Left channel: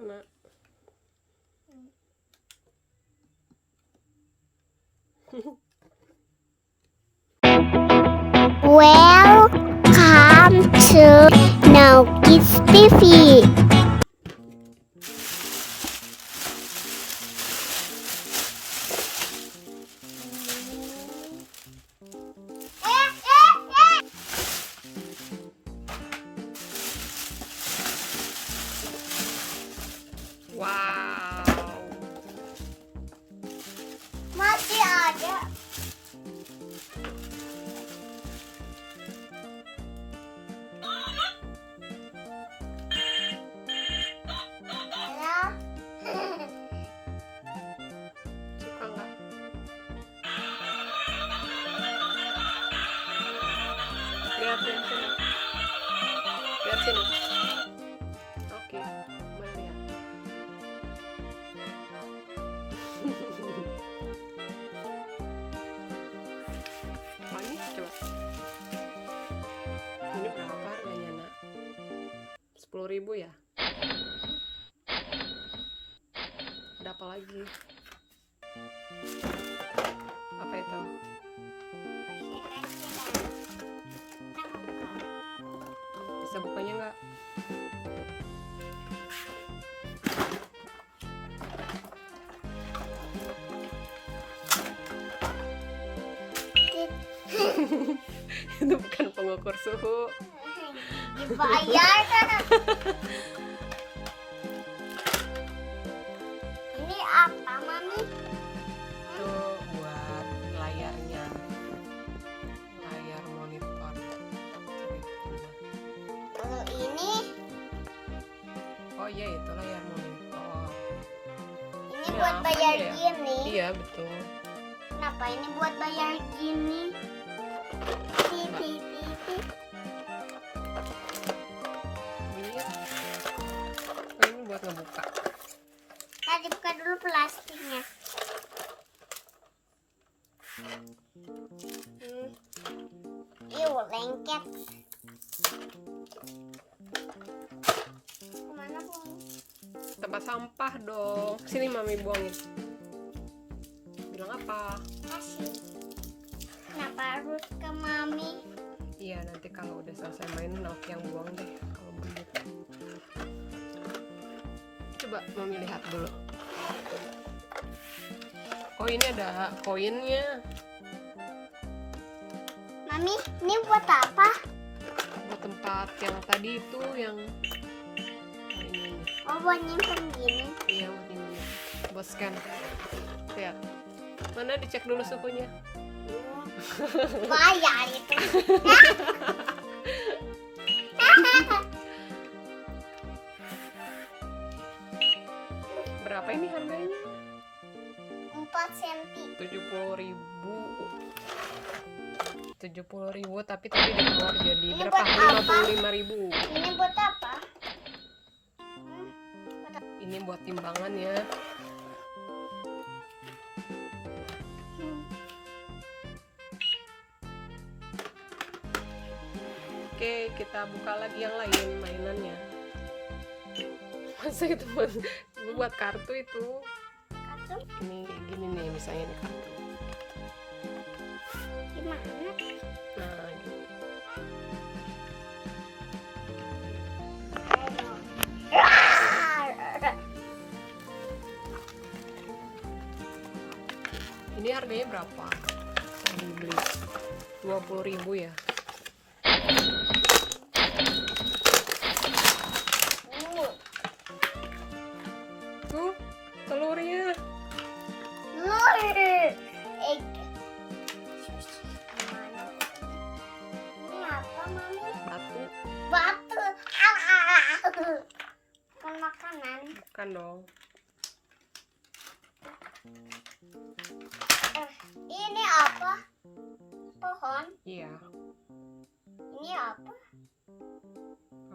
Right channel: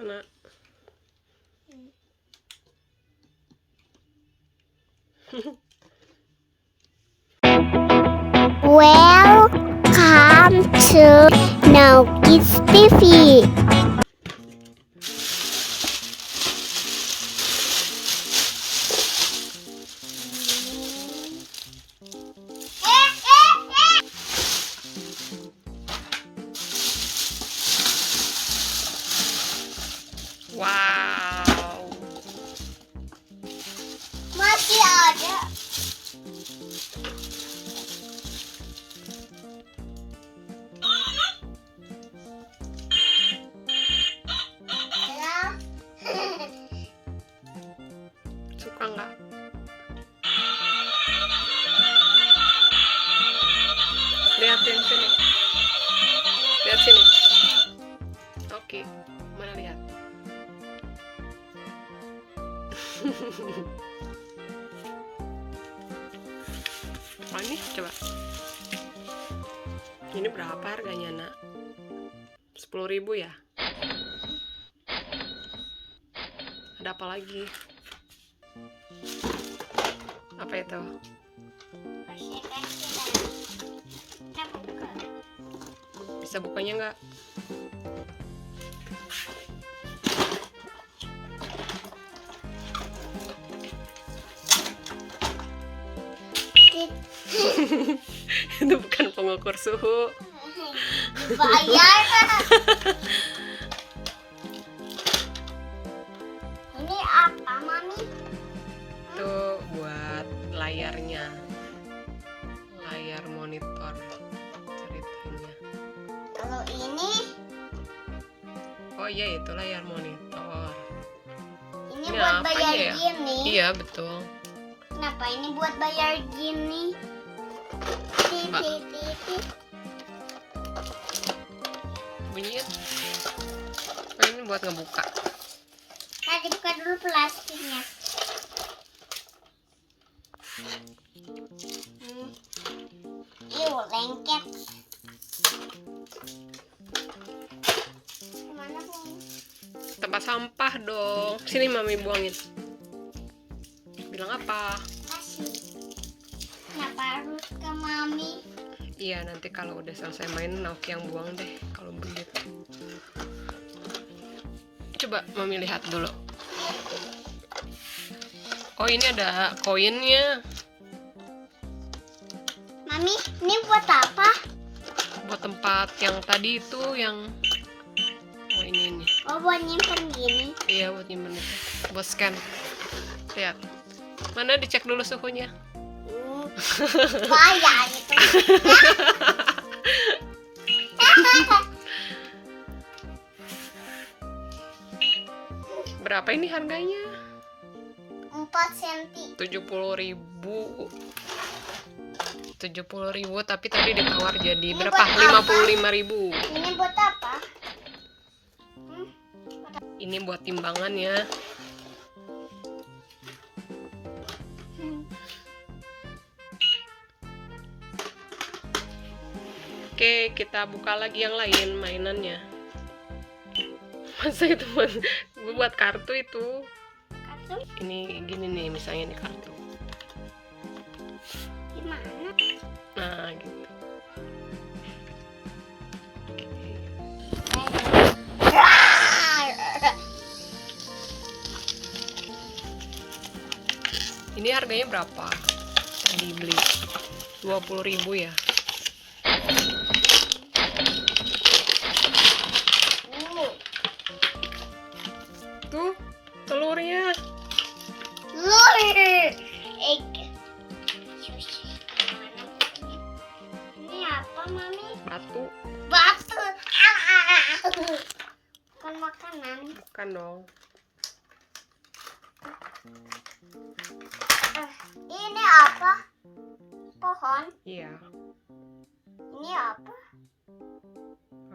Mana? Welcome to Now Kids TV. Wow. Masih ada. Suka nggak? Lihatin sini. Lihat sini. Oke, mana lihat? Oh, ini coba. Ini berapa harganya, Nak? 10.000 ya? Ada apa lagi? Apa itu? Bisa bukanya nggak? Itu bukan pengukur suhu. Dibayar. Ini apa, Mami? Itu buat layarnya, layar monitor ceritanya. Kalau ini Oh iya, itu layar monitor. ini Ini buat apa bayar ya? gini. Iya betul. Kenapa ini buat bayar gini? Mbak. Titi. Bunyinya. Oh, ini buat ngebuka. Tadi buka dulu plastiknya. Lengket. Kemana, Bung? Tempat sampah dong. Sini Mami buangin. Bilang apa? Kasih. Kenapa harus ke Mami? Iya, nanti kalau udah selesai main Naoki yang buang deh kalau begitu. Coba Mami lihat dulu. Oh, ini ada koinnya. Mami, ini buat apa? Buat tempat yang tadi itu yang oh ini. Oh, buat nyimpen gini. Iya, buat nyimpen. Buat scan. Lihat. Mana dicek dulu suhunya. Bayar itu. Berapa ini harganya? 4 cm. 70.000. 70.000 tapi tadi ditawar jadi Ini berapa? buat 55.000. Ini buat apa? Ini buat timbangannya. Oke, kita buka lagi yang lain mainannya. Masa itu buat kartu itu? Kartu Ini gini nih, misalnya ini kartu. gimana? Nah, gitu. Ini harganya berapa? Tadi beli 20.000 ya. Tuh, telurnya. Lur. Egg. Ini apa, Mami? Batu. Batu. Bukan makanan. Bukan dong. Ini apa? Pohon. Iya. Ini apa?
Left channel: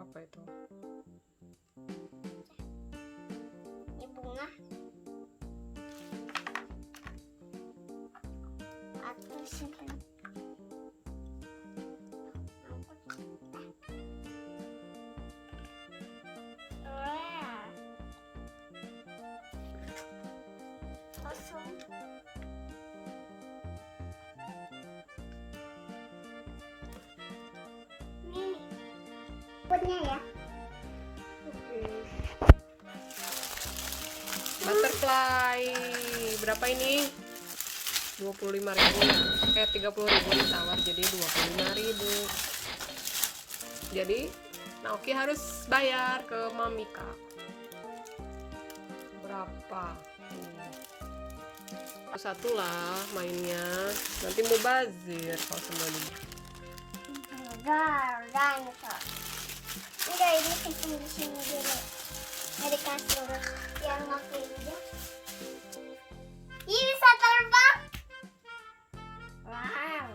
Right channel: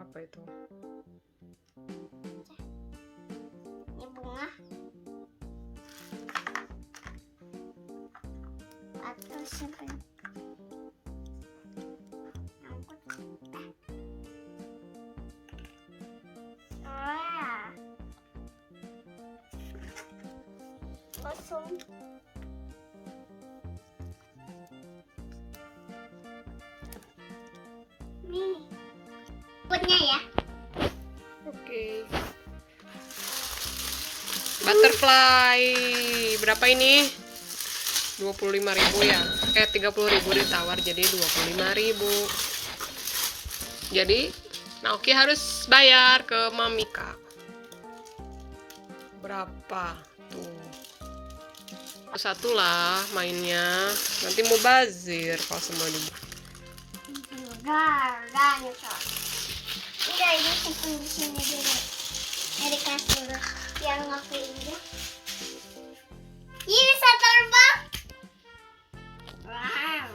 Apa itu? Ini bunga. Atau simpen. Wah. kosong. Nih, putnya ya. Oke. Butterfly. Berapa ini? 25.000 ya. 30.000 ditawar jadi 25.000. Jadi Naoki harus bayar ke Mamika. Berapa tuh? Satu lah mainnya. Nanti mau bazir kalau semua di. Enggak nyesel. Udah ini simpen di sini dulu. Dari kasur yang ngapelnya. Ini bisa terbang. Wow.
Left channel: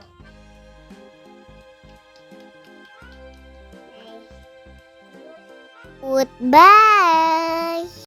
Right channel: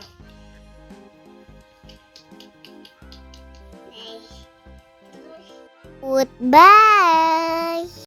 Goodbye.